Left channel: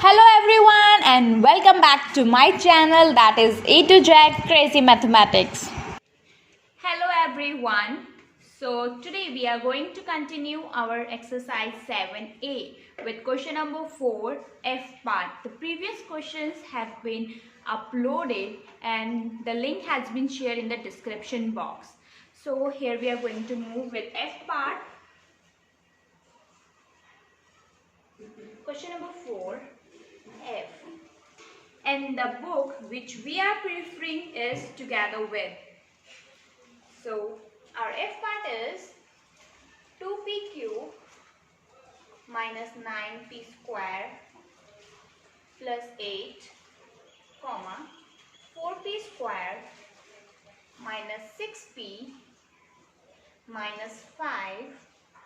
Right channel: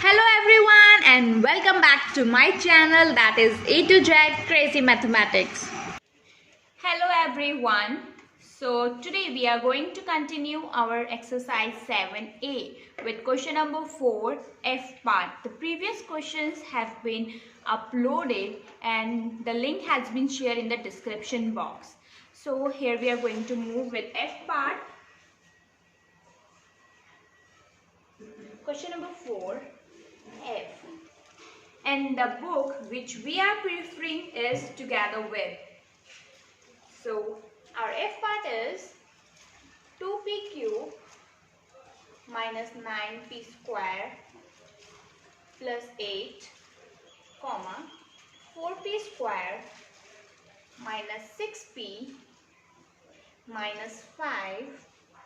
Hello everyone and welcome back to my channel, that is A to Z Crazy Mathematics. Hello everyone. So today we are going to continue our exercise 7a with question number 4 F part. The previous questions have been uploaded and the link has been shared in the description box. So here we are going to move with F part. Question number 4 F. And the book which we are preferring is Together With. So our F part is 2p cube minus 9p square plus 8 comma 4p square minus 6p minus 5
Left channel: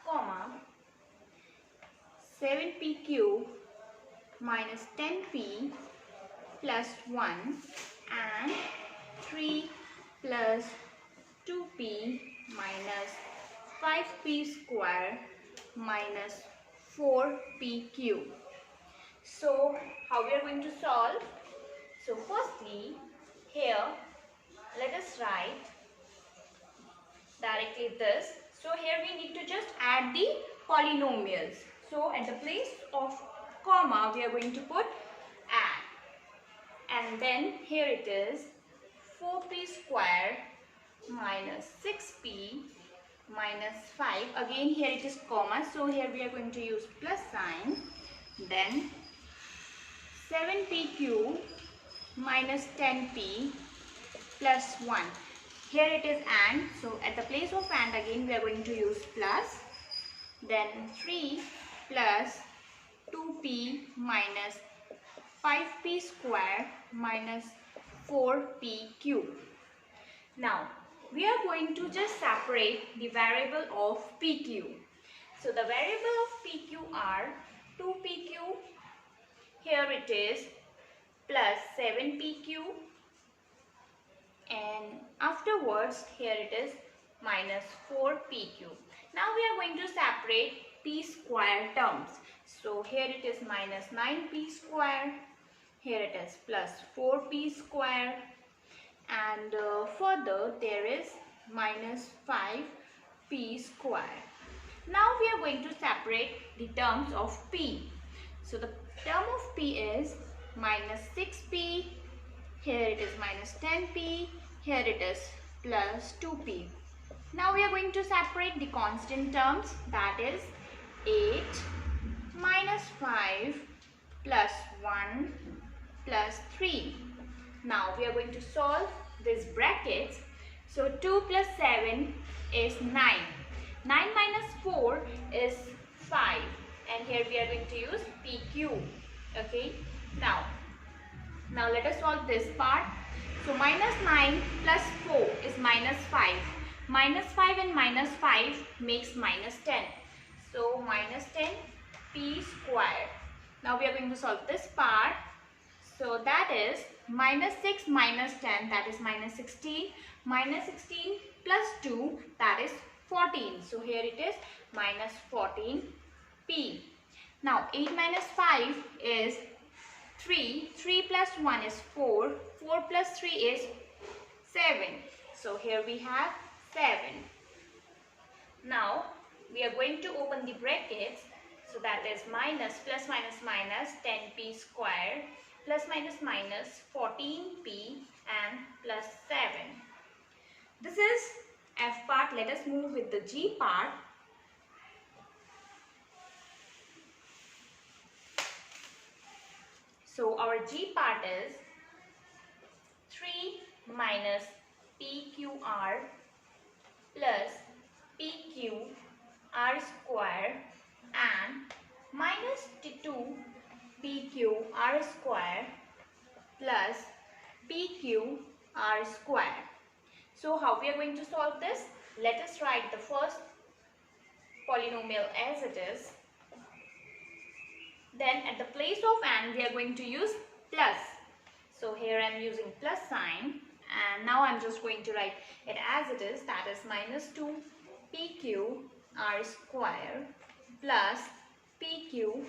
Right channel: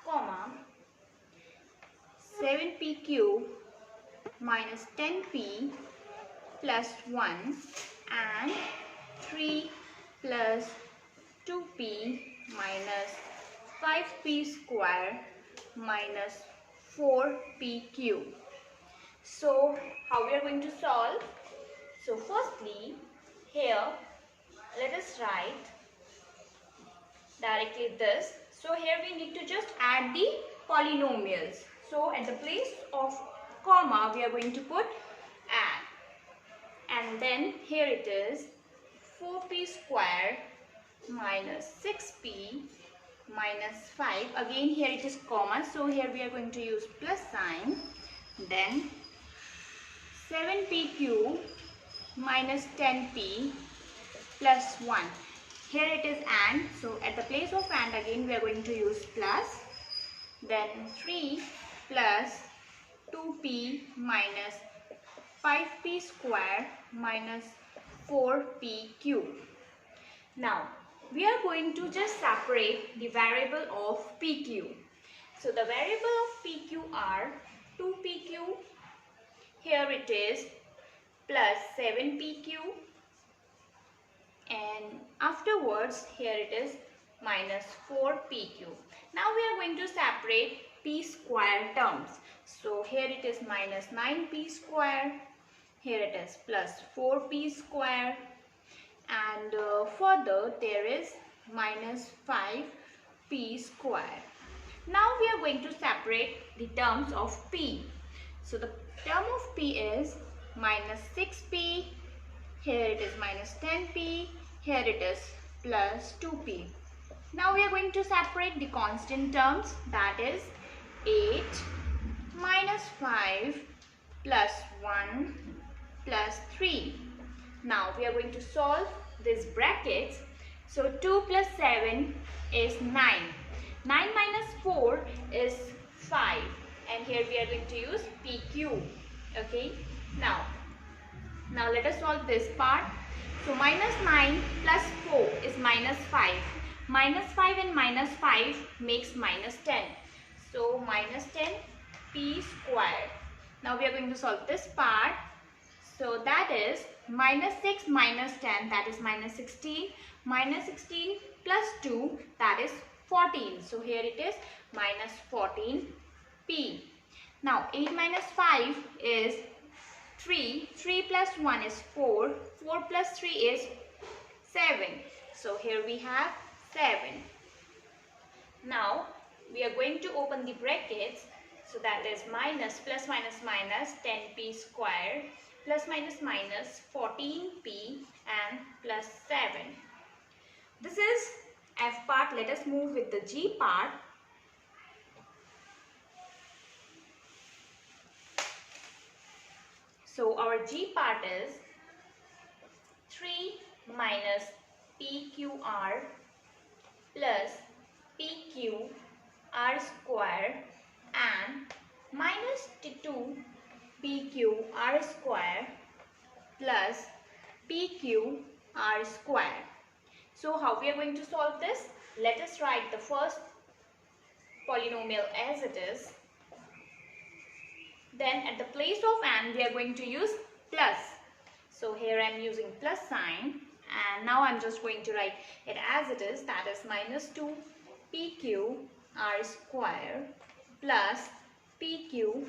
comma 7p cube minus 10p plus 1 and 3 plus 2p minus 5p square minus 4p cube. So how we are going to solve? So firstly, here let us write directly this. So here we need to just add the polynomials. So at the place of comma we are going to put add. And then here it is 4p square minus 6p minus 5. Again here it is comma. So here we are going to use plus sign. Then 7p cube minus 10p plus 1. Here it is and. So at the place of and again we are going to use plus. Then 3 plus 2p minus 5p square minus 4p cube. Now we are going to just separate the variable of pq. So the variable of pq are 2pq, here it is plus 7pq, and afterwards here it is minus 4pq. Now we are going to separate p square terms. So here it is minus 9p square, here it is plus 4p square, and further there is minus 5p square. Now we are going to separate the terms of p. So the term of p is minus 6p, here it is minus 10p, here it is plus 2p. Now we are going to separate the constant terms, that is 8 minus 5 plus 1 plus 3. Now we are going to solve these brackets. So 2 plus 7 is 9. 9 minus 4 is 5. And here we are going to use PQ. Okay. Now let us solve this part. So minus 9 plus 4 is minus 5. Minus 5 and minus 5 makes minus 10. So minus 10 p square. Now we are going to solve this part. So that is minus 6 minus 10, that is minus 16. Minus 16 plus 2, that is 14. So here it is minus 14p. Now 8 minus 5 is 3. 3 plus 1 is 4. 4 plus 3 is 7. So here we have 7. Now we are going to open the brackets. So that is minus plus minus minus 10p square plus minus minus 14p and plus 7. This is F part. Let us move with the G part. So our G part is 3 minus PQR plus PQR square and minus 2 PQR square plus PQR square. So how we are going to solve this? Let us write the first polynomial as it is. Then at the place of and we are going to use plus. So here I am using plus sign, and now I am just going to write it as it is, that is minus 2 PQR square plus PQR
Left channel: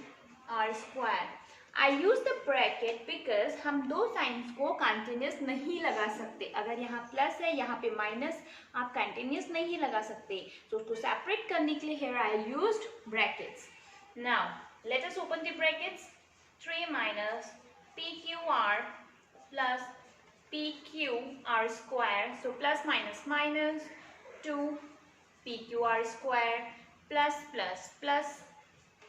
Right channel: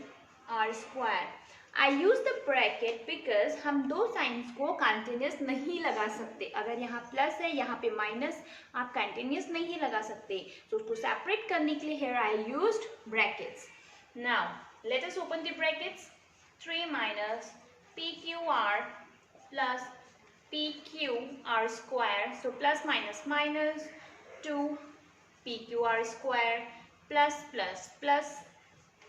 square. I use the bracket because हम दो science को continuous नहीं लगा सकते. अगर यहाँ plus है यहाँ पे माइनस, आप कंटिन्यूस नहीं लगा सकते. तो उसको सेपरेट करने के लिए here I used brackets. Now let us open the brackets. 3 minus PQR plus PQR square. So plus minus minus 2 PQR square plus plus plus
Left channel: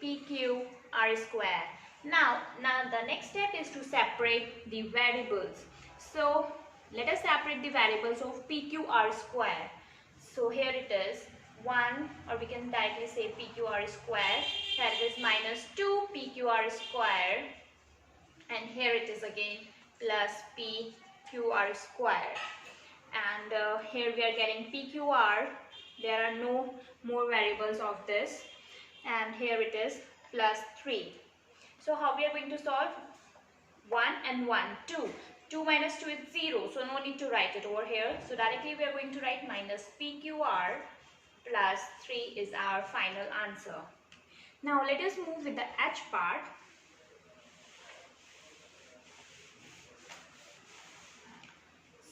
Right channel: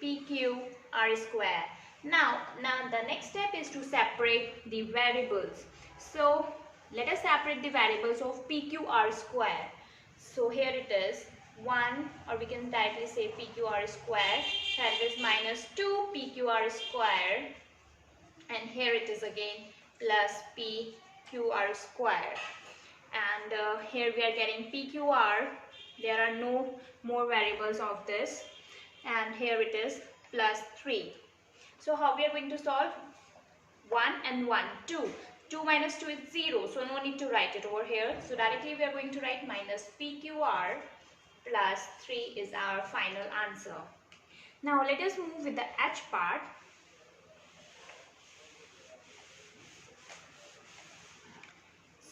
PQR square. Now the next step is to separate the variables. So let us separate the variables of PQR square. So here it is 1, or we can directly say PQR square. That is minus 2 PQR square, and here it is again plus PQR square. And here we are getting PQR. There are no more variables of this, and here it is plus 3. So how we are going to solve? 1 and 1, 2. 2 minus 2 is 0, so no need to write it over here. So directly we are going to write minus PQR plus 3 is our final answer. Now let us move with the H part.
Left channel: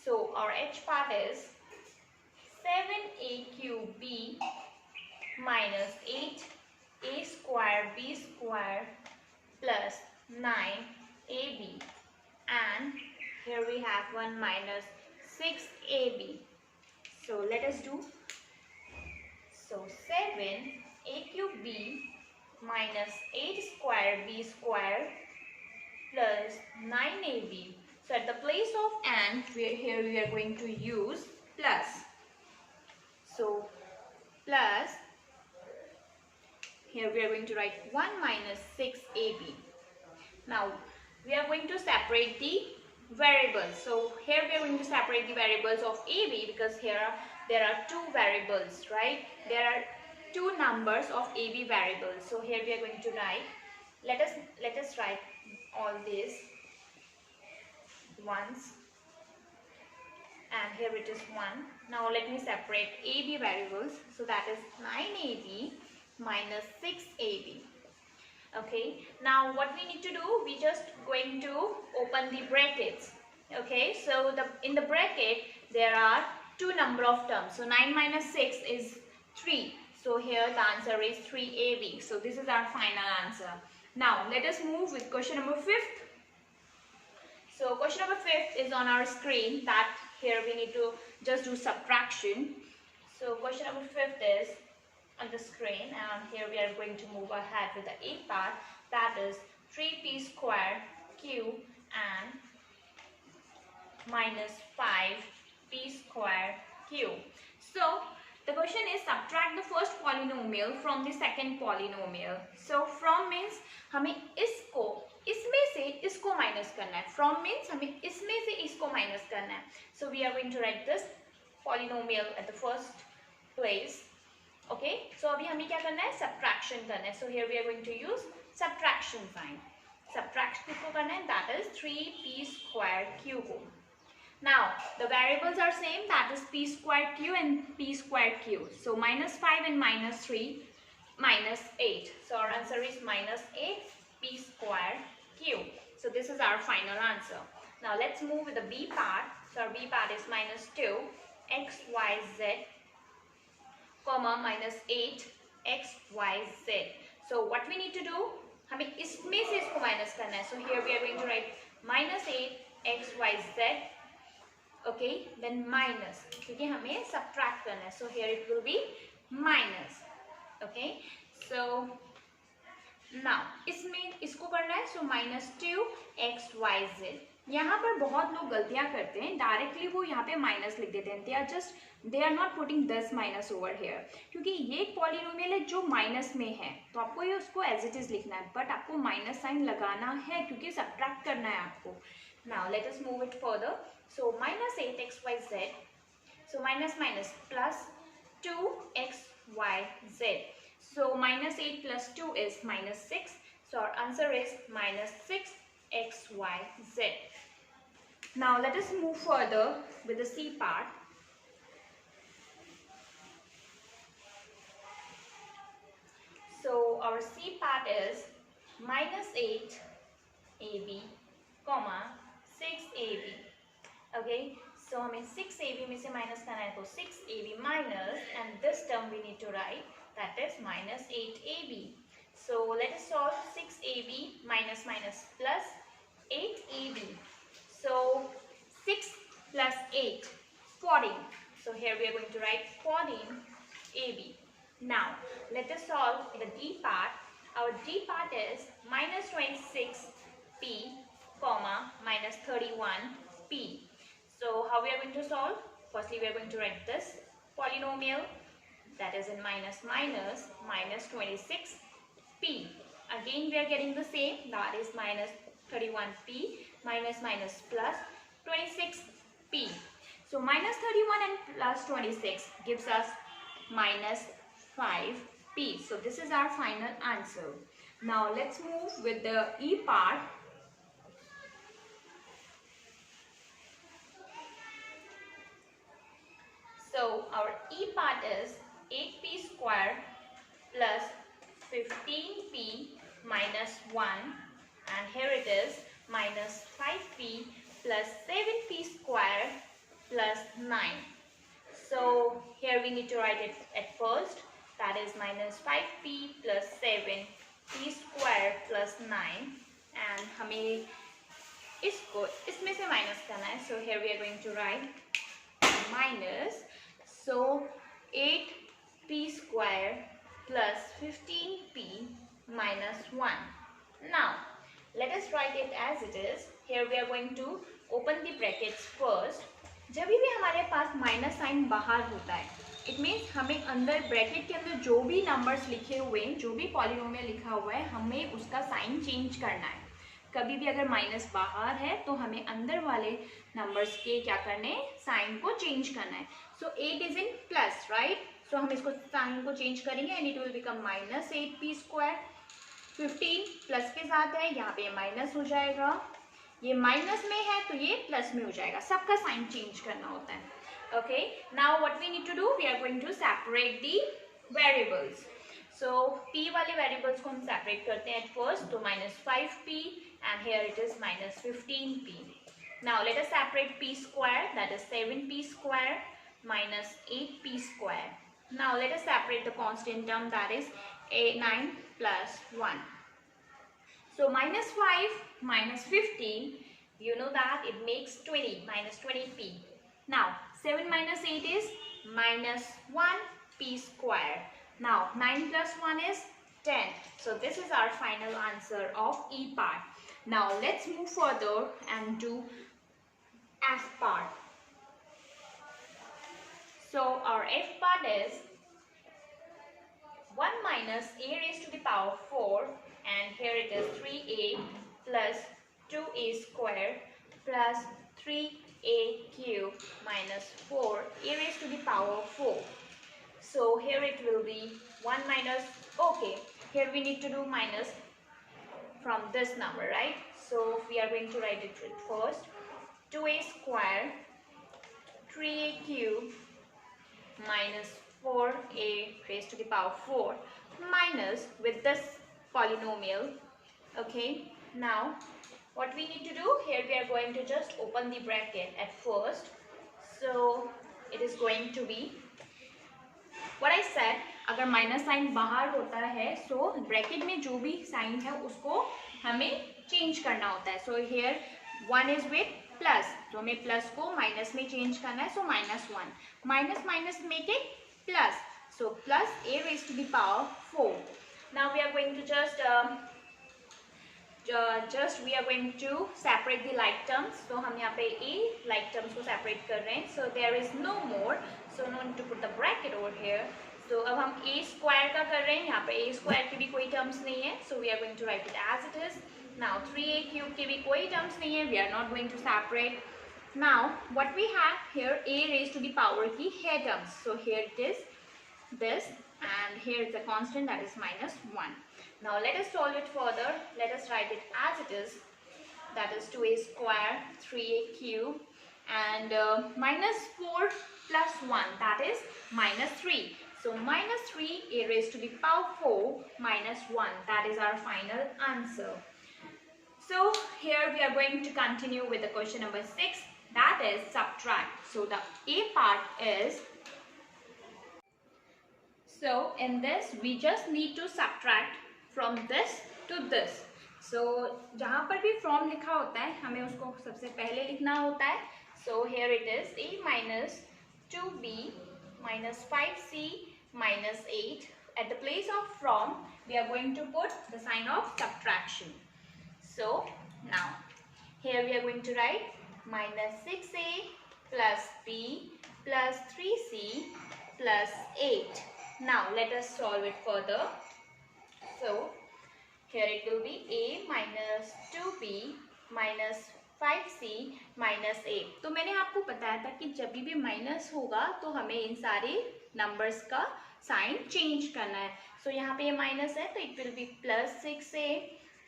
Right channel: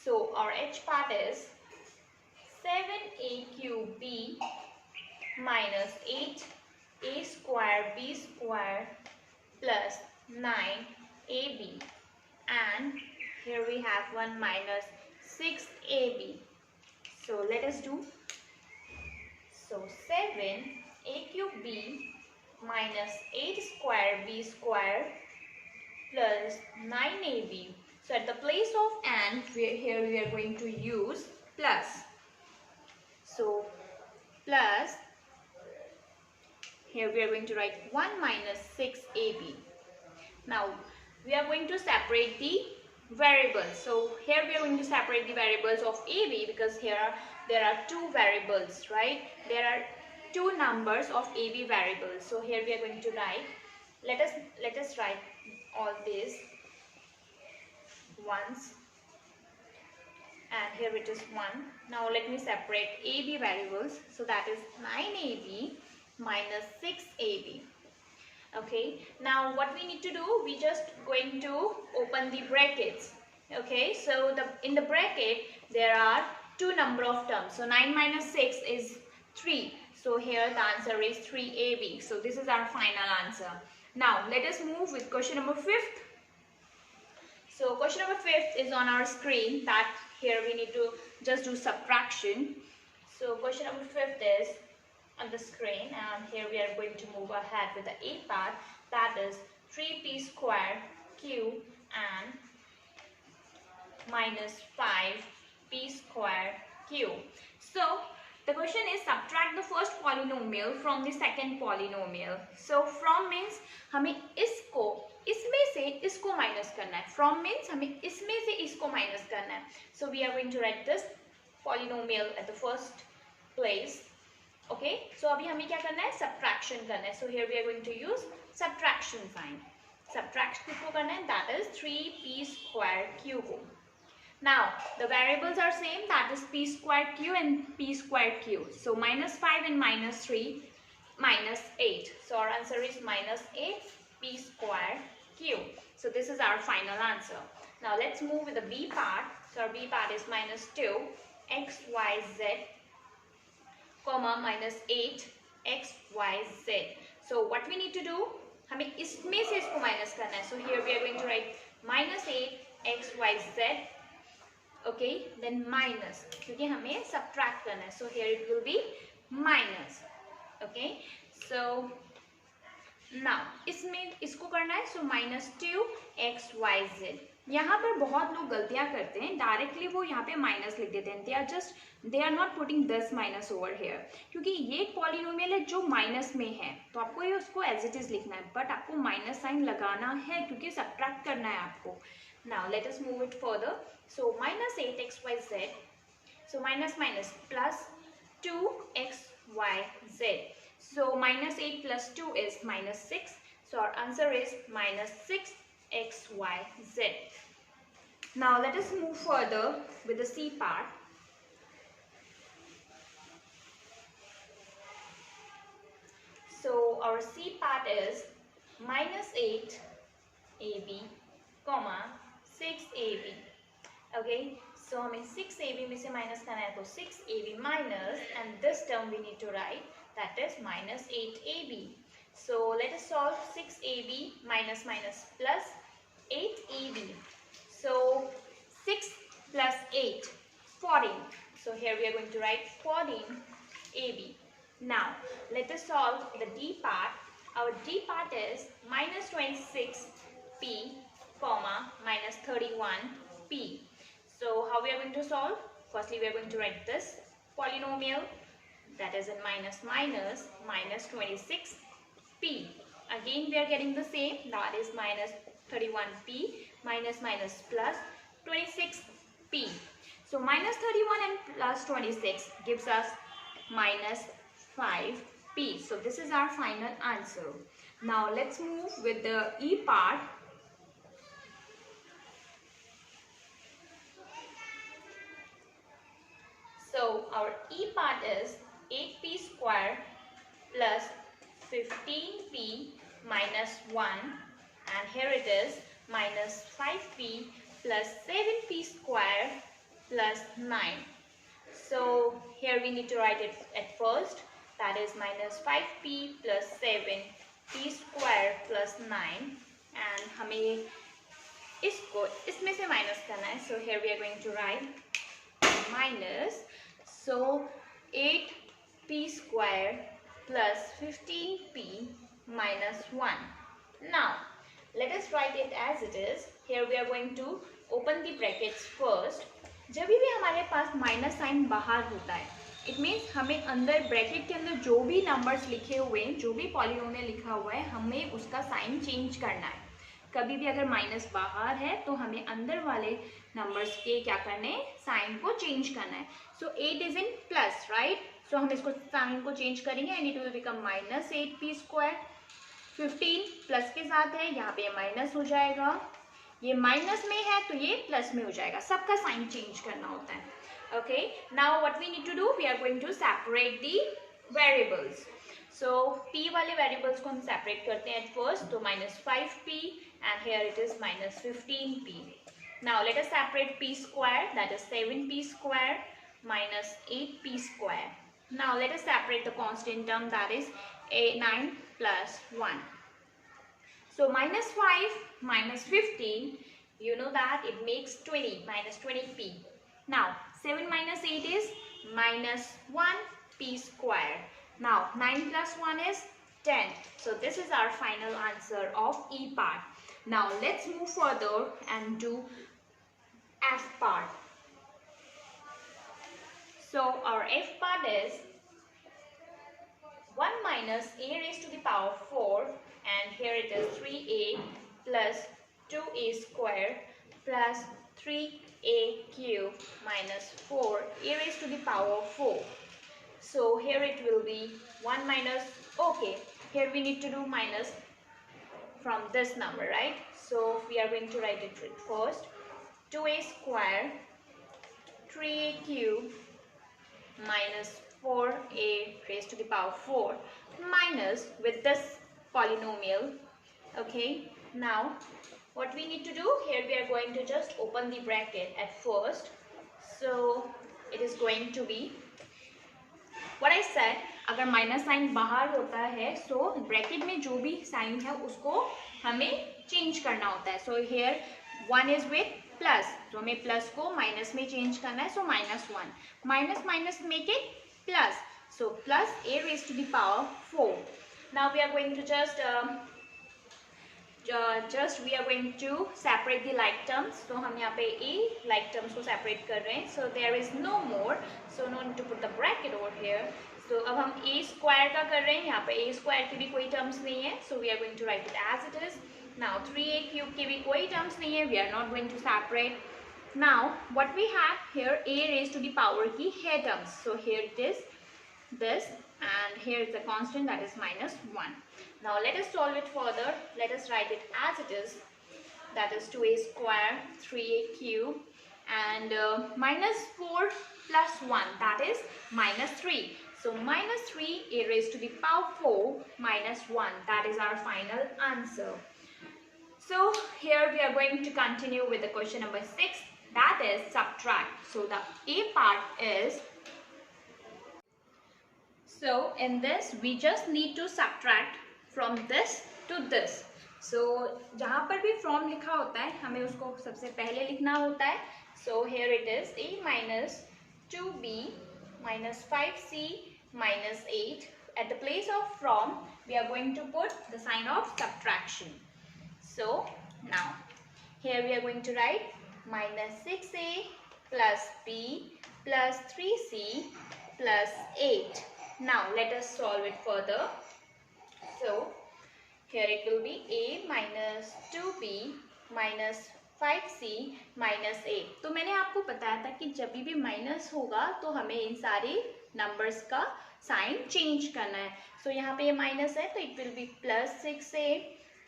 So our H part is 7a cube b minus 8a square b square plus 9ab, and here we have 1 minus 6ab. So let us do. So 7a cube b minus 8 square b square plus 9ab. So at the place of and, here we are going to use plus. So plus, here we are going to write 1 minus 6ab. Now we are going to separate the variables. So here we are going to separate the variables of ab, because here there are two variables, right? There are two numbers of ab variables. So here we are going to write, let us write all this once, and here it is 1. Now let me separate ab variables. So that is 9ab minus 6ab. Okay, now what we need to do, we just going to open the brackets. Okay, so in the bracket there are two number of terms. So 9 minus 6 is 3. So here the answer is 3ab. So this is our final answer. Now let us move with question number 5th. So question number 5th is on our screen. That here we need to just do subtraction. So question number 5th is on the screen, and here we are going to move ahead with the A part. That is 3p square q and minus 5p square q. So the question is subtract the first polynomial from the second polynomial. So from means हमें इसमें से इसको minus करना है. From means हमें इसमें से इसको माइनस करना है. So we are going to write this polynomial at the first place. Okay, so अभी हमें क्या करना है? Subtraction करना है. So here we are going to use subtraction sign. Subtract किसको करना है? That is 3p square q को. Now the variables are same, that is p square q and p square q. So minus 5 and minus 3, minus 8. So our answer is minus 8p square q. So this is our final answer. Now let's move with the b part. So our b part is minus 2 xyz comma minus 8 xyz. So what we need to do, हमें इसमें से इसको minus करना है. So here we are going to write minus 8 xyz. Okay, then minus, क्योंकि हमें subtract करना है. So here it will be minus. Okay, so now इसमें इसको करना है. So minus 2 xyz. यहाँ पर बहुत लोग गलतियाँ करते हैं, डायरेक्टली वो यहाँ पे माइनस लिख देते हैं. They are not putting this minus over here, क्योंकि ये एक पॉलिनोमियल है जो माइनस में है, तो आपको ये उसको एज इट इज लिखना है, बट आपको माइनस साइन लगाना है क्योंकि सब्ट्रैक्ट करना है आपको. Now let us move it further. So minus 8 xyz. So minus minus plus 2 xyz. So minus 8 plus 2 is minus 6. So our answer is minus 6 xyz. Now let us move further with the C part. So our C part is minus 8 comma 6ab. Okay, so हमें 6ab में से minus करना है, तो 6ab minus and this term we need to write, that is minus 8ab. So let us solve 6ab minus minus plus 8ab. So 6 plus 8, 14. So here we are going to write 14ab. Now let us solve the d part. Our d part is minus 26p comma minus 31p. So how we are going to solve? Firstly we are going to write this polynomial, that is in minus minus minus 26p. Again we are getting the same, that is minus 31p minus minus plus 26p. So minus 31 and plus 26 gives us minus 5p. So this is our final answer. Now let's move with the e part. So our e part is 8p square plus 15p minus 1, and here it is minus 5p plus 7p square plus 9. So here we need to write it at first, that is minus 5p plus 7p square plus 9, and हमें इसको इसमें से minus करना है. So here we are going to write minus, so 8p square plus 15p minus 1. Now let us write it as it is. Here we are going to open the brackets first. जब भी हमारे पास minus sign बाहर होता है, it means हमें अंदर bracket के अंदर जो भी नंबर्स लिखे हुए हैं, जो भी पॉलिनोमियल लिखा हुआ है, हमें उसका साइन चेंज करना है. कभी भी अगर माइनस बाहर है तो हमें अंदर वाले नंबर्स के क्या करने हैं, साइन को चेंज करना है. सो 8 इज इन प्लस, राइट? सो हम इसको साइन को चेंज करेंगे and it will become minus 8p square. 15 plus के साथ है, यहाँ पे माइनस हो जाएगा, ये माइनस में है तो ये प्लस में हो जाएगा. सबका साइन चेंज करना होता है. Okay, now what we need to do, we are going to separate the variables. So p वाले वेरिएबल्स को हम सेपरेट करते हैं एट फर्स्ट. तो minus 5p and here it is minus 15p. Now let us separate p square, that is 7p square minus 8p square. Now let us separate the constant term, that is 9 plus 1. So minus 5 minus 15, you know that it makes 20, minus 20p. Now 7 minus 8 is minus 1p square. Now 9 plus 1 is 10. So this is our final answer of e part. Now let's move further and do f part. So our f part is 1 minus a raised to the power 4, and here it is 3a plus 2a square plus 3a cube minus 4a raised to the power 4. So here it will be 1 minus, okay, here we need to do minus from this number, right? So we are going to write it first. 2a square 3a cube minus 4a raised to the power 4 minus with this polynomial. Okay, now what we need to do, here we are going to just open the bracket at first. So it is going to be what I said, अगर minus sign बाहर होता है so bracket में जो भी sign है उसको हमें चेंज करना होता है. So here 1 is with plus, तो हमें प्लस को माइनस में चेंज करना है. So minus 1 minus minus make it plus, so plus a raised to the power 4. Now we are going to just we are going to separate the like terms. So हम यहाँ पे a like terms को separate कर रहे हैं. So there is no more, so no need to put the bracket over here. So अब हम a square का कर रहे हैं, यहाँ पे a square की भी कोई terms नहीं है. So we are going to write it as it is. Now 3a cube की भी कोई terms नहीं है. We are not going to separate. Now what we have here, a raised to the power की है terms. So here it is this, and here is the constant, that is minus 1. Now let us solve it further. Let us write it as it is, that is 2a square 3a cube and minus 4 plus 1, that is minus 3. So minus 3 a raised to the power 4 minus 1, that is our final answer. So here we are going to continue with the question number 6, that is subtract. So the A part is, so in this we just need to subtract from this to this. So जहाँ पर भी from लिखा होता है हमें उसको सबसे पहले लिखना होता है. So here it is A minus 2B minus 5C minus 8. At the place of from we are going to put the sign of subtraction. So now here we are going to write minus 6A plus B plus 3C plus 8. Now let us solve it further. So here it will be A minus 2B minus 5C minus 8. तो मैंने आपको बताया था कि जब भी minus होगा तो हमें इन सारे नंबर्स का साइन चेंज करना है. सो यहाँ पे ये माइनस है तो it will B plus 6A.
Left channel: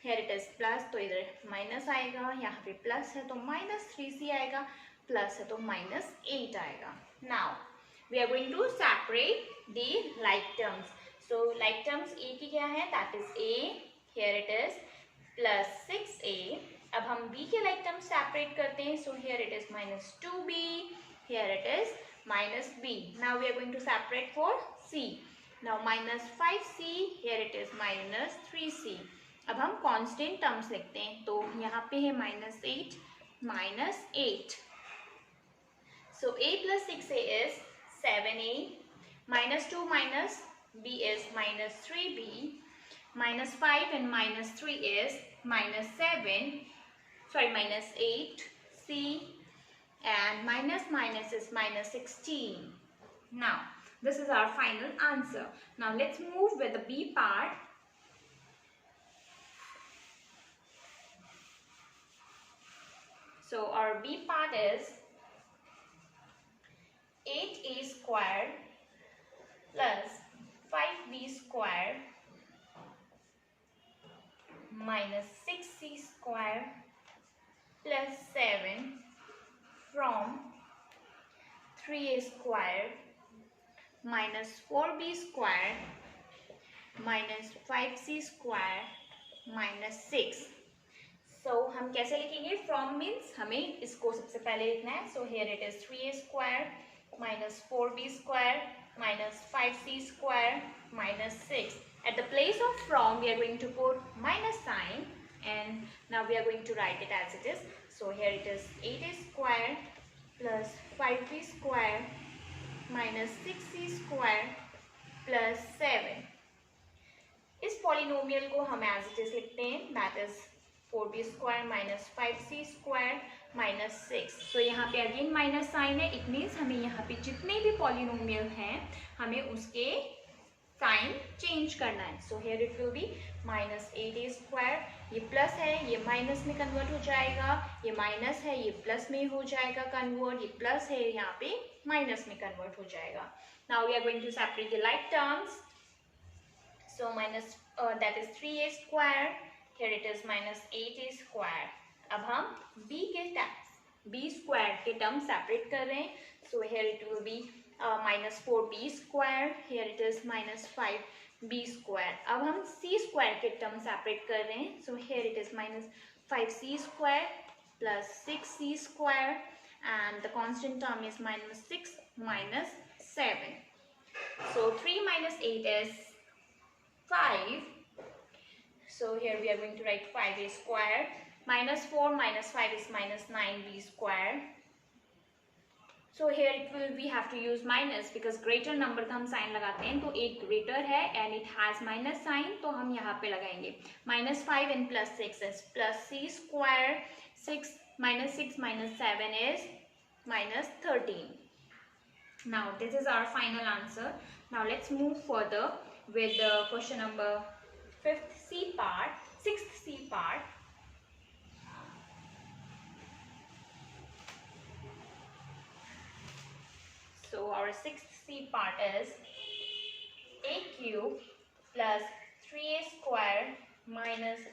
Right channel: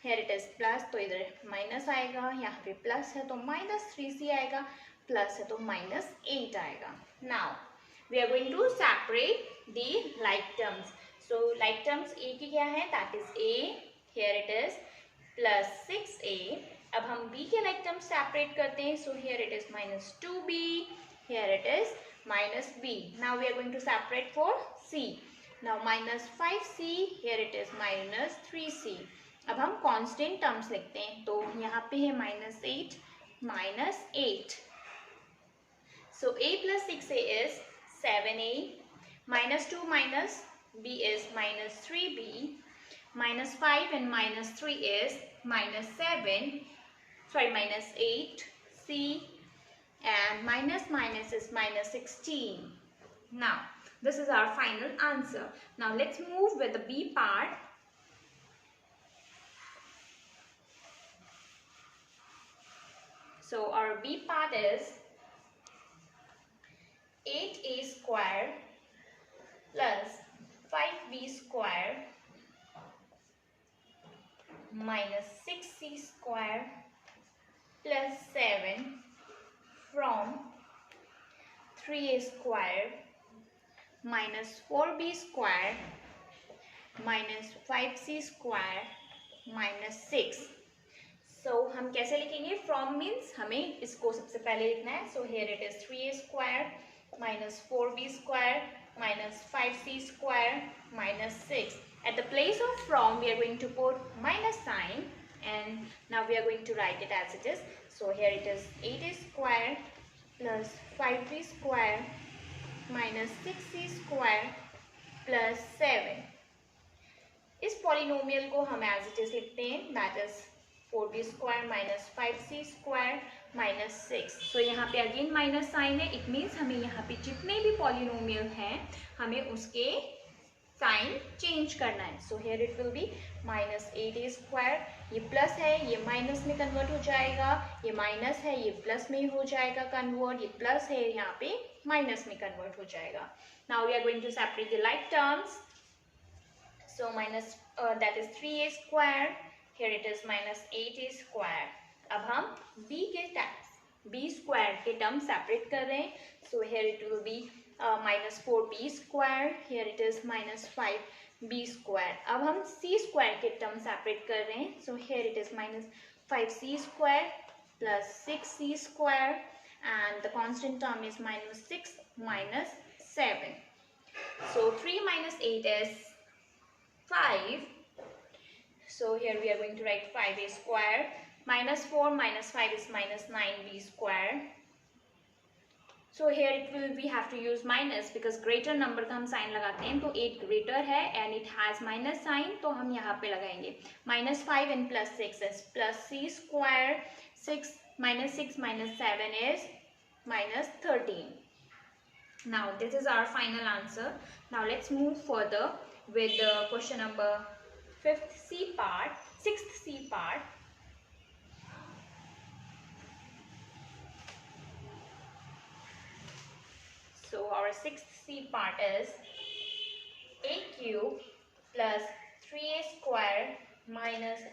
Here it is plus तो इधर माइनस आएगा, यहाँ पे प्लस है तो माइनस 3C आएगा, प्लस है तो माइनस 8 आएगा. Now we are going to separate the like terms. So like terms A की क्या है, that is A. Here it is plus 6A. अब हम B के लाइक टर्म्स सेपरेट करते हैं. So here it is minus 2B. Here it is minus B. Now we are going to separate for C. Now minus 5C. Here it is minus 3C. अब हम constant terms लिखते हैं. तो यहाँ पे है minus 8 minus 8. So A plus 6A is 7A. Minus 2 minus B is minus 3B. Minus 5 and minus 3 is minus 7. Sorry, minus 8C. And minus minus is minus 16. Now this is our final answer. Now let's move with the B part. So our B part is 8A squared plus 5B squared minus 6C squared plus 7 from 3A squared minus 4B squared minus 5C squared minus 6. So हम कैसे लिखेंगे? From means हमें इसको सबसे पहले लिखना है. So here it is 3A squared minus 4B squared minus 5C squared minus 6. At the place of from we are going to put minus sign, and now we are going to write it as it is. So here it is 8A squared plus 5B squared minus 6C squared plus 7. इस polynomial को हम as it is लिखते हैं, that is 4B squared minus 5C squared minus 6. So यहाँ पे again minus sign है. It means हमें यहाँ पे जितने भी polynomial हैं हमें उसके साइन चेंज करना है. So here it will B minus 8A square. ये प्लस है, ये माइनस में कन्वर्ट हो जाएगा. ये माइनस है, ये प्लस में हो जाएगा कन्वर्ट. ये प्लस है, यहाँ पे माइनस में कन्वर्ट हो जाएगा. Now we are going to separate the like terms. So minus that is 3A square. Here it is minus 8A square. अब हम B स्क्वायर के टर्म सेपरेट कर रहे हैं. So here it will be minus 4B square. Here it is minus 5B square. अब हम C square के term separate कर रहे हैं. So here it is minus 5C square plus 6C square, and the constant term is minus 6 minus 7. So 3 minus 8 is 5. So here we are going to write 5A square. Minus 4 minus 5 is minus 9B square. So here it will we have to use minus because greater number का हम sign लगाते हैं. तो 8 greater है and it has minus sign, तो हम यहाँ पे लगाएंगे. Minus 5 and plus 6 is plus C square. 6 minus 6 minus 7 is minus 13. Now this is our final answer. Now let's move further with the question number 6th C part. So our 6th C part is A cube plus 3A square minus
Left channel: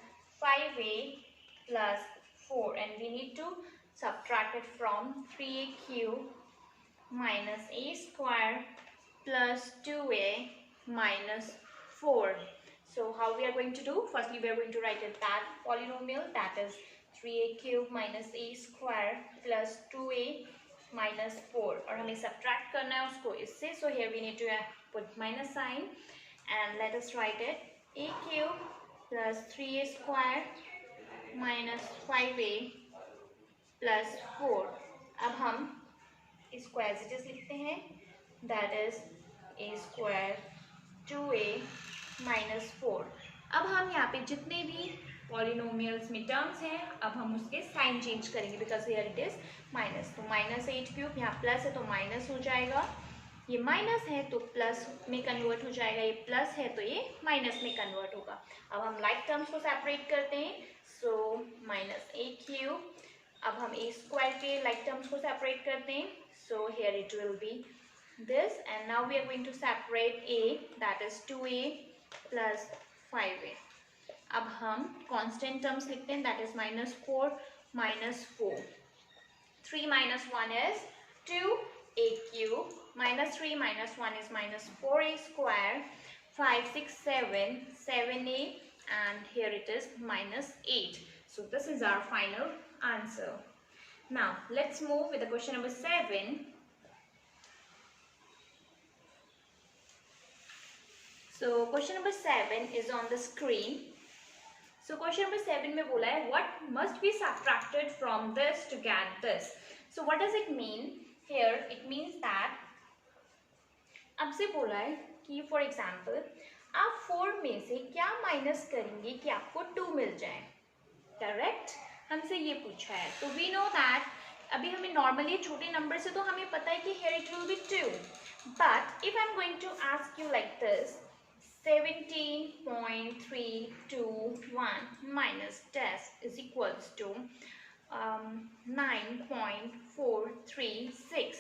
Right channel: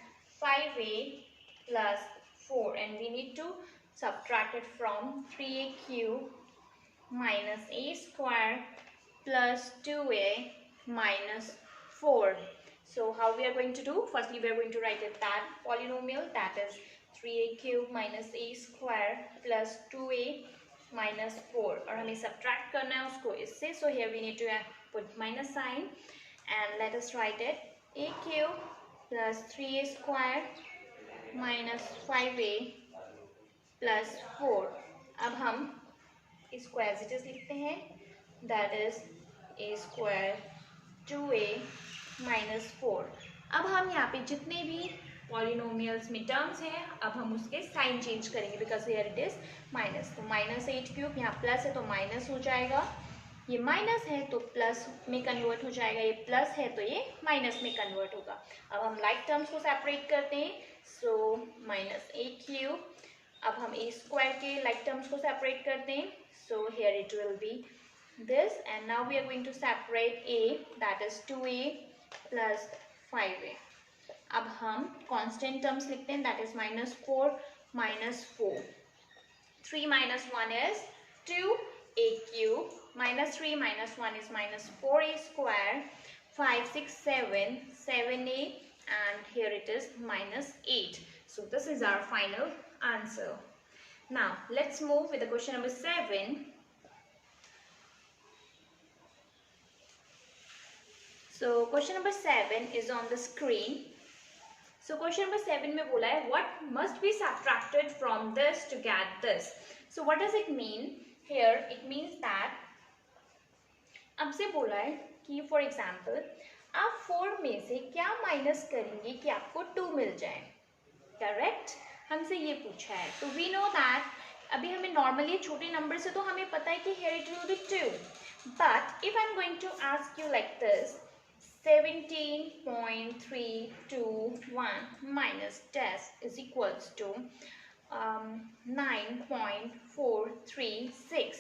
5A plus 4, and we need to subtract it from 3A cube minus A square plus 2A minus 4. So how we are going to do? Firstly, we are going to write a that polynomial, that is 3a cube minus a square plus 2a minus 4, और हमें subtract करना है उसको इससे. So here we need to put minus sign and let us write it. A cube plus 3a square minus 5a plus 4. अब हम इसको as it is लिखते हैं, that is a square 2a minus 4. अब हम यहाँ पे जितने भी पॉलिनोमियल्स में टर्म्स हैं, अब हम उसके साइन चेंज करेंगे, because here it is minus. तो माइनस 8 क्यूब, यहाँ प्लस है तो माइनस हो जाएगा, ये माइनस है तो प्लस में कन्वर्ट हो जाएगा, ये प्लस है तो ये माइनस में कन्वर्ट होगा. अब हम लाइक टर्म्स को सेपरेट करते हैं. सो माइनस ए क्यूब, अब हम ए स्क्वायर के लाइक टर्म्स को सेपरेट करते हैं. So here it will B this, and now we are going to separate a, that is 2a plus 5a. अब हम constant terms लिखते हैं, that is minus 4 minus 4. 3 minus 1 is 2a cube, minus 3 minus 1 is minus 4a square, 5 6 7 7a, and here it is minus 8. So this is our final answer. Now let's move with the question number 7. So question number 7 is on the screen. So question number 7 में बोला है what must be subtracted from this to get this. So what does it mean? Here it means that अब से बोला है कि for example आप 4 में से क्या माइनस करेंगे कि आपको 2 मिल जाए. करेक्ट, हमसे ये पूछा है. तो we know that अभी हमें नॉर्मली छोटे नंबर से तो हमें पता है कि here it will be 2. But if I'm going to ask you like this, 17.321 minus dash is equals to 9.436.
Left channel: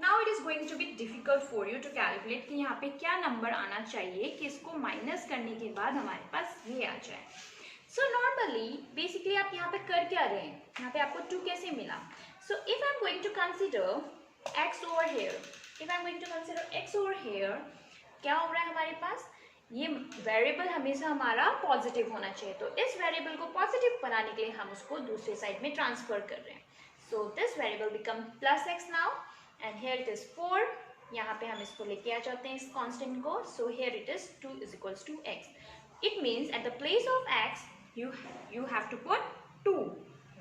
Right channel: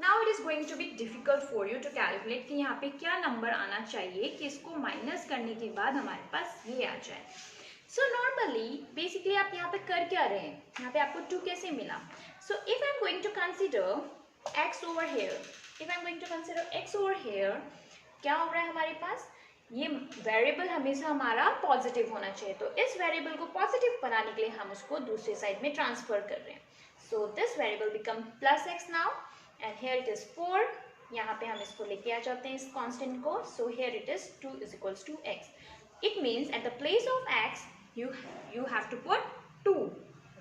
Now it is going to be difficult for you to calculate कि यहाँ पे क्या नंबर आना चाहिए कि इसको माइनस करने के बाद हमारे पास ये आ जाए. So normally basically आप यहाँ पे कर क्या रहे हैं, यहाँ पे आपको 2 कैसे मिला. So if I'm going to consider x over here, क्या हो रहा है हमारे पास, ये वेरिएबल हमेशा हमारा पॉजिटिव होना चाहिए. तो इस वेरिएबल को पॉजिटिव बनाने के लिए हम उसको दूसरे साइड में ट्रांसफर कर रहे हैं. So this variable become plus x now, and here it is 4. यहाँ पे हम इसको लेके आ जाते हैं इस कांस्टेंट को. So here it is 2 is equals to X. It means at the place of X you have to put 2,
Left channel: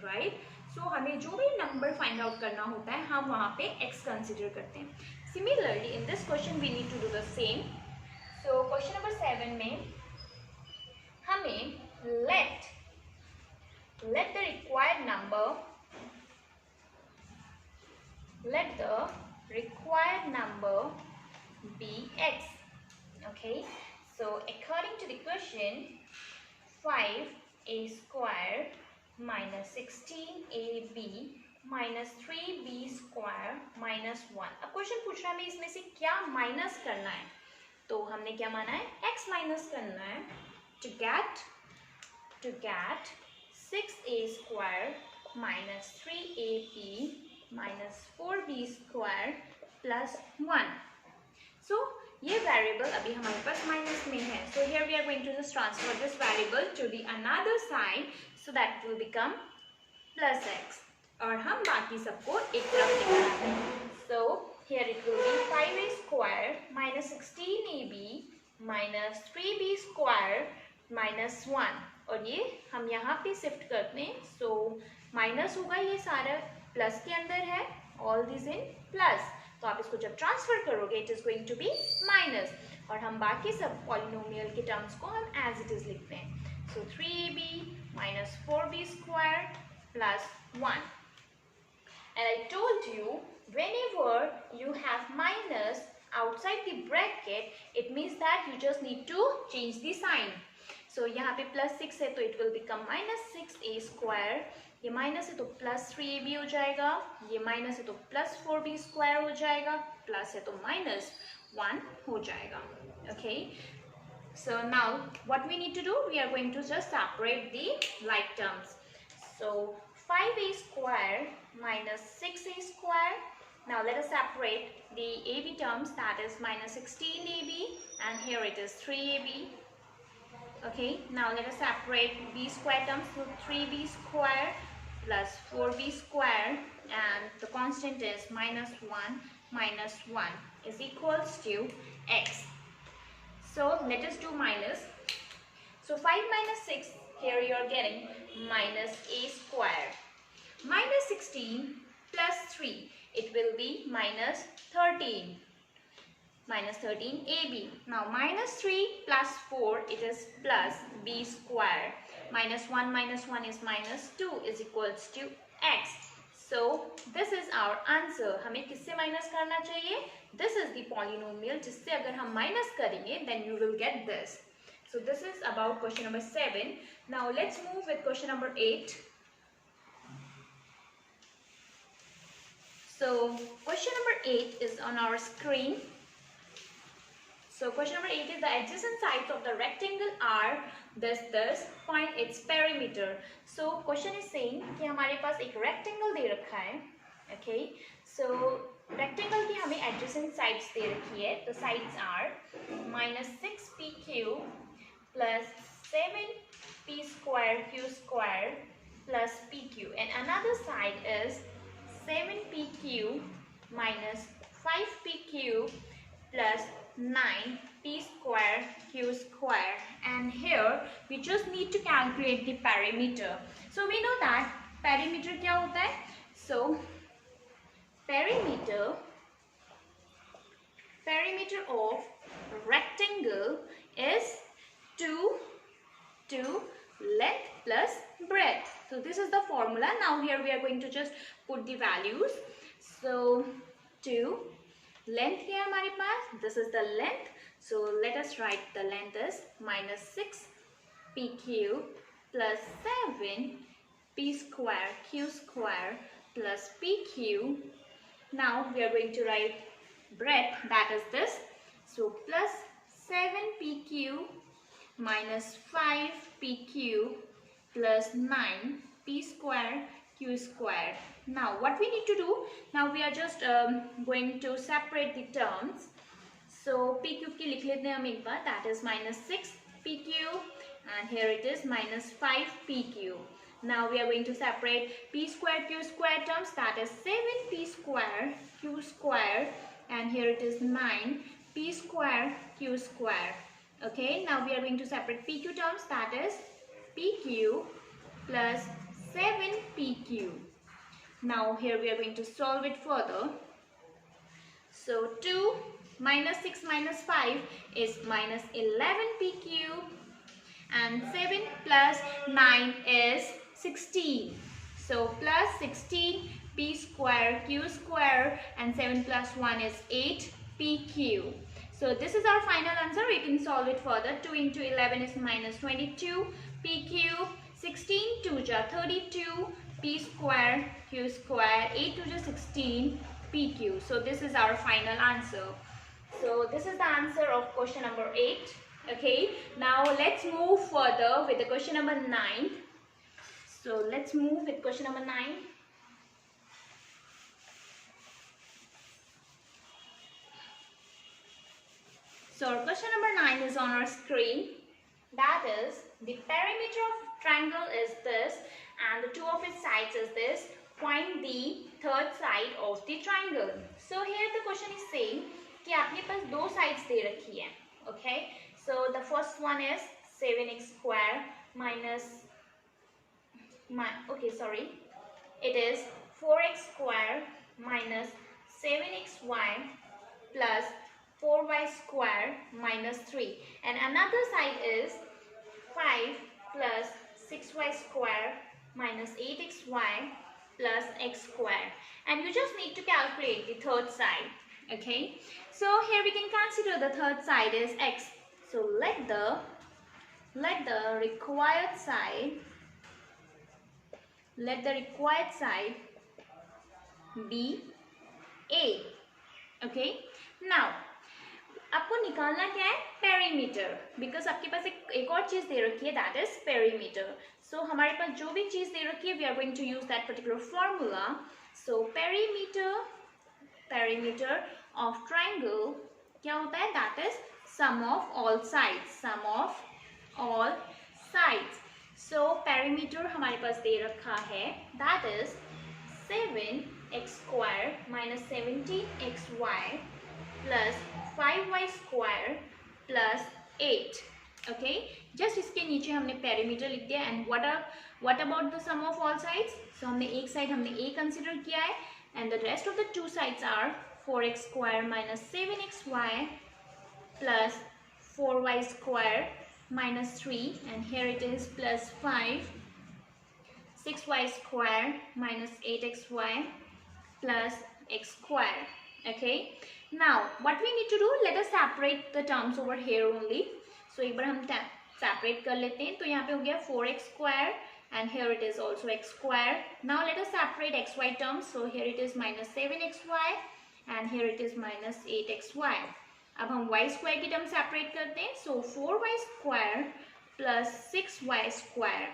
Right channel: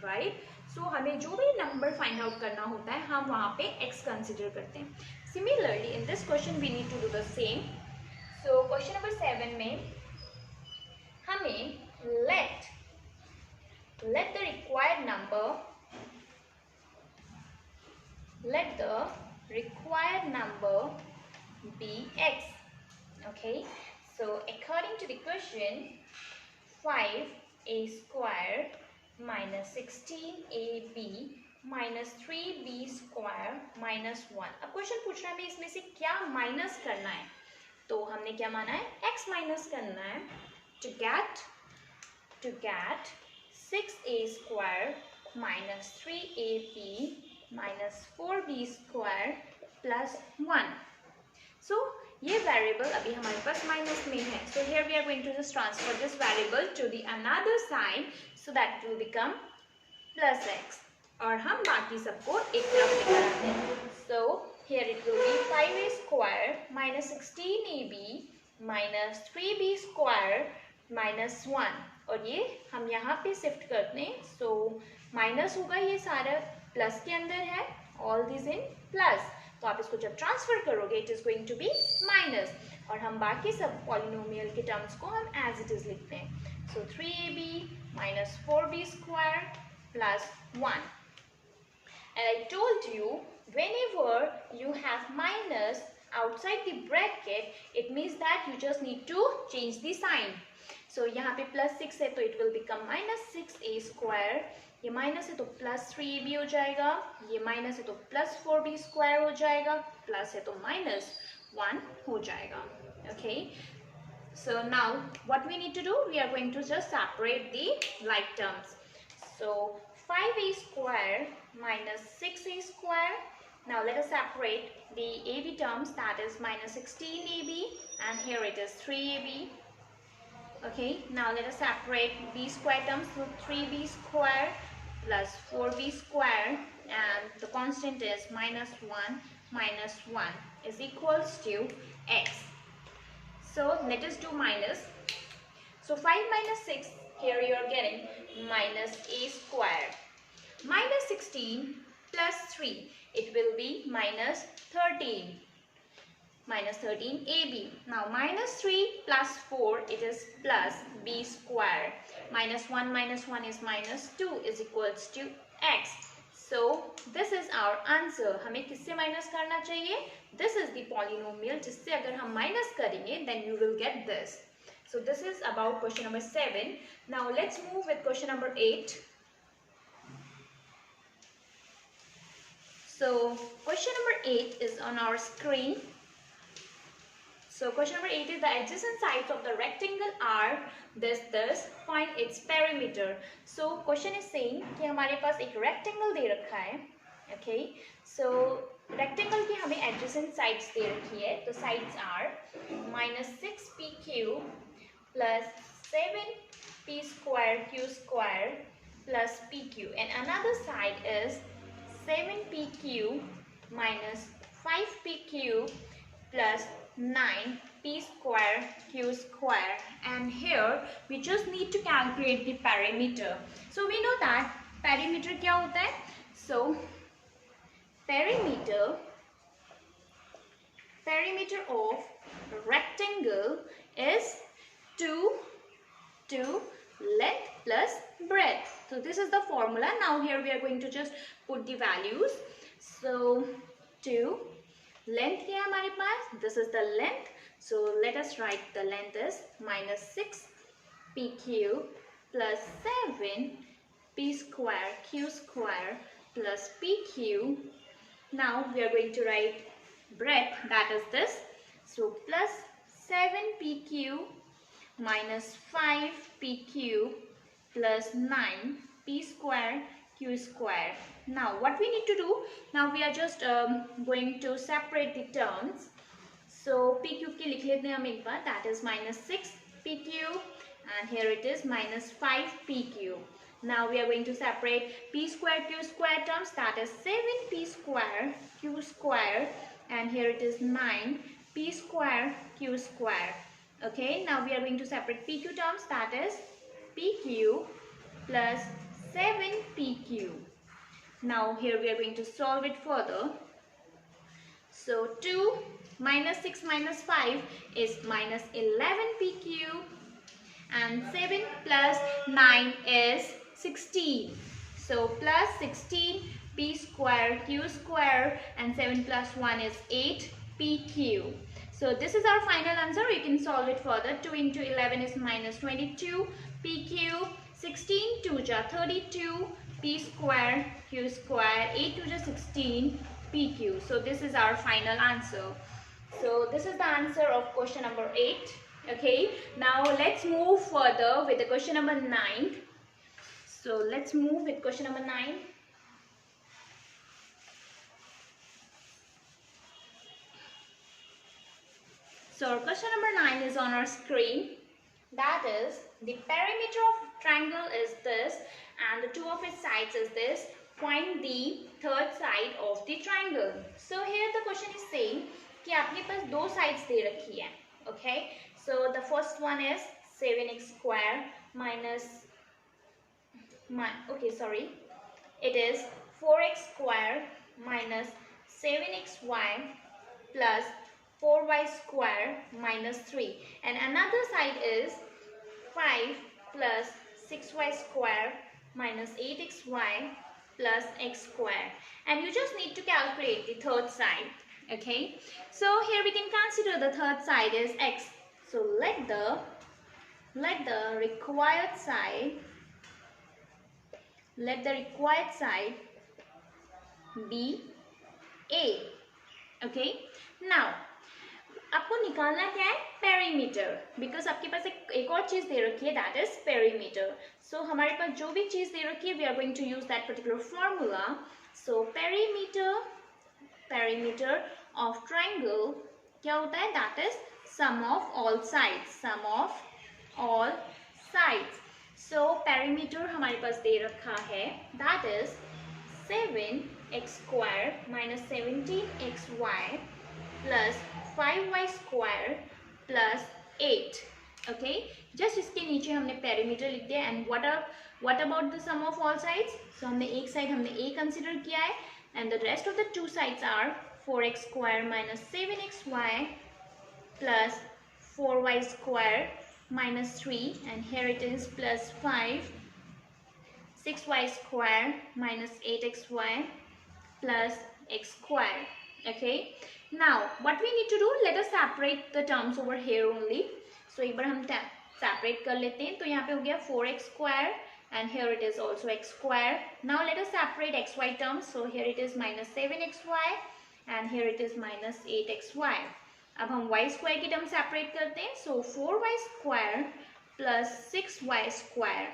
right. So हमें जो भी नंबर फाइंड आउट करना होता है हम वहाँ पे एक्स कंसिडर करते हैं. Similarly, in this question we need to do the same. So question number 7 में हमें let the required number be x. Okay. So according to the question, 5a square minus 16ab minus 3b square minus 1. अब question पूछ रहा है हमें इसमें से क्या माइनस करना है. तो हमने क्या माना है, x माइनस करना है. to get 6a square minus 3ab minus 4b square plus 1. So ये वेरिएबल अभी हमारे पास माइनस में है. So here we are going to just transfer this variable to the another side so that it will become plus x. और हम बाकी सबको एक तरफ लेकर आते हैं. So here it will be 5a square minus 16ab minus 3b square minus 1. और ये हम यहाँ पे शिफ्ट करते हैं. So माइनस होगा, ये सारा प्लस के अंदर है, all this in plus. तो आप इसको जब ट्रांसफर करोगे it is going to be minus. और हम बाकी सब पॉलिनोमियल के टर्म्स को हम एज इट इज लिखते हैं. So 3ab minus 4b square plus 1. And I told you, whenever you have minus outside the bracket, it means that you just need to change the sign. So यहाँ पे plus 6 है तो it will become minus 6a square. ये minus है तो plus 3ab हो जाएगा, ये माइनस है तो प्लस 4b स्क्वायर हो जाएगा, प्लस है तो माइनस 1 हो जाएगा. Okay. So now what we need to do, we are going to just separate the like terms. So 5a square minus 6a square. Now let us separate the ab terms, that is minus 16ab and here it is 3ab. Okay, now let us separate b square terms. So 3b square plus 4b square, and the constant is minus 1 is equals to x. So let us do minus. So 5 minus 6, here you are getting minus a square. Minus 16 plus 3, it will be minus 13. Minus 13 AB. Now minus 3 plus 4, it is plus b square. Minus 1 is minus 2 is equals to x. So this is our answer. हमें किससे minus करना चाहिए? This is the polynomial जिससे अगर हम minus करेंगे then you will get this. So this is about question number 7. Now let's move with question number 8. So question number 8 is on our screen. So question number 8 is the adjacent sides of the rectangle are this. Find its perimeter. So question is saying कि हमारे पास एक rectangle दे रखा है. Okay. So rectangle की हमें adjacent sides दे रखी है. तो sides are minus 6pq plus 7p square q square plus pq, and another side is 7pq minus 5pq plus 9p square q square, and here we just need to calculate the perimeter. So we know that perimeter क्या होता है? So perimeter of rectangle is 2 length plus breadth. So this is the formula. Now here we are going to just put the values. So 2 length क्या है हमारे पास? This is the length. So let us write the length is minus 6pq plus 7p square q square plus pq. Now we are going to write breadth, that is this. So plus 7pq minus 5pq plus 9p square q square. Now what we need to do, now we are just going to separate the terms. So pq की लिख लेते हैं हम एक बार, that is minus 6pq, and here it is minus 5pq. Now we are going to separate p square q square terms, that is 7p square q square, and here it is 9p square q square. Okay, now we are going to separate pq terms, that is pq plus 7pq. Now here we are going to solve it further. So 2 minus 6 minus 5 is minus 11pq, and 7 plus 9 is 16. So plus 16p square q square, and 7 plus 1 is 8pq. So this is our final answer. We can solve it further. 2 into 11 is minus 22pq. 16 2 ja 32 p square q square. 8 2 ja 16 pq. So this is our final answer. So this is the answer of question number 8. Okay. Now let's move further with the question number 9. So let's move with question number 9. So question number 9 is on our screen. That is, the perimeter of triangle is this, and the two of its sides is this. Find the third side of the triangle. So here the question is saying कि आपके पास दो sides दे रखी है. Okay. So the first one is 7x square minus it is 4x square minus 7xy plus 4y square minus 3, and another side is 5 plus 6y square minus 8xy plus x square, and you just need to calculate the third side. Okay, so here we can consider the third side is x. So let the required side be a. Okay, now आपको निकालना क्या है? Perimeter, because आपके पास एक और चीज दे रखी है, दैट इज पेरीमीटर. सो हमारे पास जो भी चीज दे रखी है, we are going to use that particular formula. So perimeter of triangle क्या होता है? That is sum of all sides. Sum of all sides. So perimeter हमारे पास दे रखा है, that is 7x square minus 17xy plus 5y square plus 8. Okay, just इसके नीचे हमने perimeter लिख दिया. And what about the sum of all sides? So हमने एक side हमने a consider किया है, and the rest of the two sides are 4x square minus 7xy plus 4y square minus 3, and here it is plus 5, 6y square minus 8xy plus x square. Okay, now what we need to do, let us separate the terms over here only. So एक बार हम separate कर लेते हैं. तो यहाँ पे हो गया 4x square and here it is also x square. Now let us separate xy terms. So here it is minus 7xy and here it is minus 8xy. अब हम y square की term separate करते हैं. So 4y square plus 6y square.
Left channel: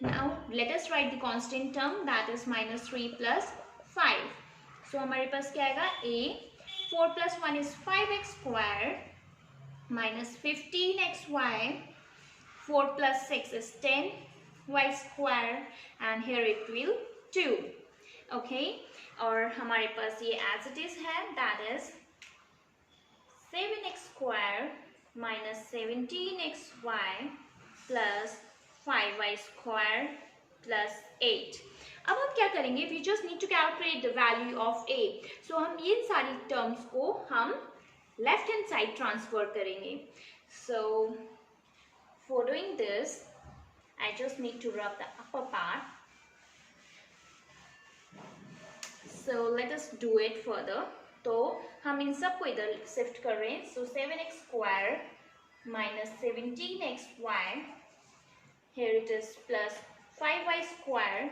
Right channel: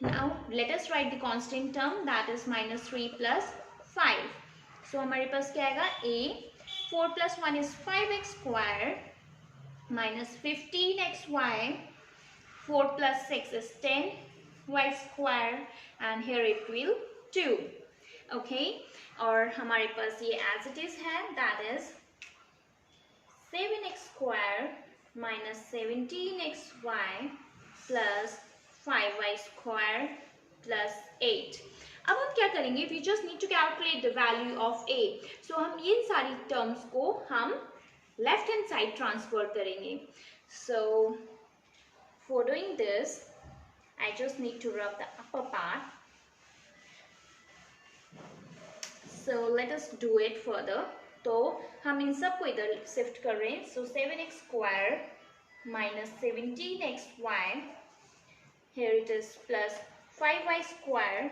Now let us write the constant term, that is minus 3 plus 5. So हमारे पास क्या आएगा, a 4 plus 1 is 5x square minus 15xy, 4 plus 6 is 10y square and here it will 2. Okay, और हमारे पास ये as it is है, that is 7x square minus 17xy plus 5y square plus 8. अब हम क्या करेंगे, we just need to calculate the value of a. So हम ये सारी terms को हम left hand side transfer करेंगे. So for doing this, I just need to rub the upper part. So let us do it further. तो हम इन सब को इधर शिफ्ट कर रहे हैं. So 7x square minus 17xy, here it is plus 5y square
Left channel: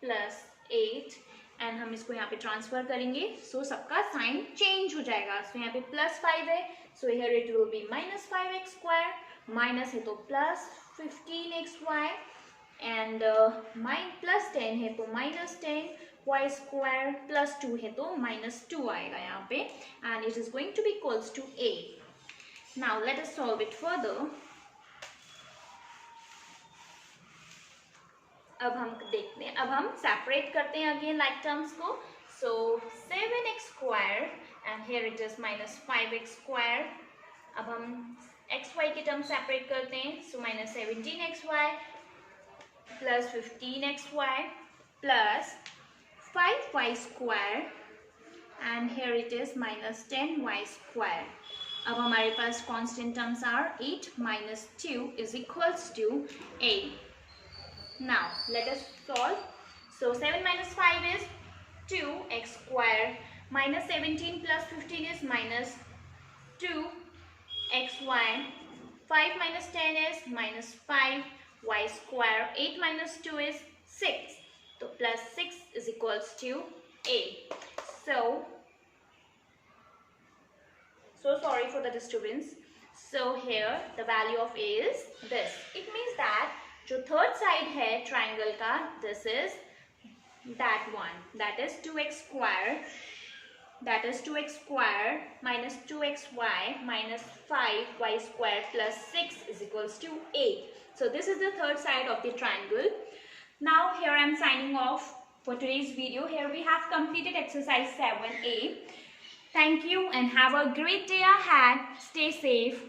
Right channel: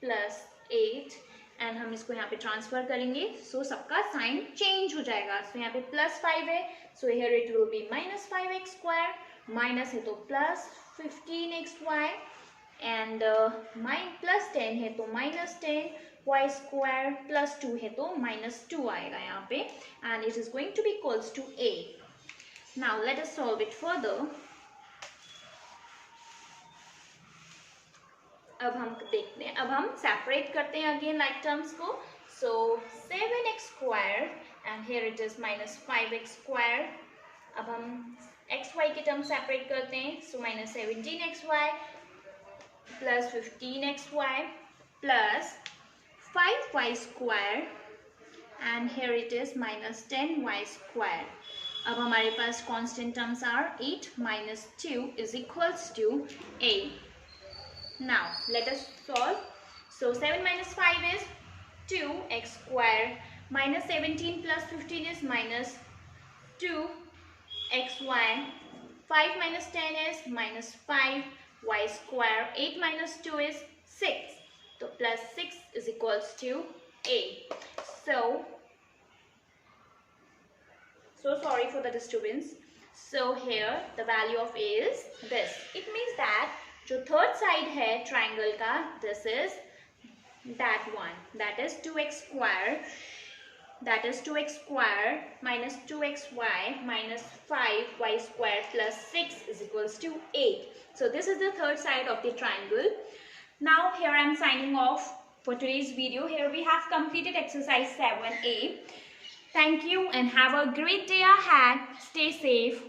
plus 8 and हम इसको यहाँ पे ट्रांसफर करेंगे. So सबका साइन चेंज हो जाएगा. So यहाँ पे प्लस 5 है, so here it will be minus 5x square, minus है तो प्लस 15xy and प्लस 10 है तो माइनस 10y square plus 2 है तो माइनस 2 आएगा यहाँ पे, and it is going to be equals to a. Now let us solve it further. अब हम देखते हैं, अब हम सेपरेट करते हैं अगेन लाइक टर्म्स को. So 7x square and here it is minus 5x square. अब हम xy के टर्म सेपरेट करते हैं. So minus 17xy plus 15xy plus 5y square and here it is minus 10y square. अब हमारे पास constant terms are 8 minus 2 is equals to a. Now let us solve. So 7 minus 5 is 2x square minus 17 plus 15 is minus 2xy. 5 minus 10 is minus 5y square. 8 minus 2 is 6. So plus 6 is equals to a. So sorry for the disturbance. So here the value of a is this. It means that जो third side है triangle का, this is that one, that is 2x square, that is 2x square minus 2xy minus 5y square plus 6 is equals to 8. So this is the third side of the triangle. Now here I am signing off for today's video. Here we have completed exercise 7a. Thank you and have a great day ahead. Stay safe.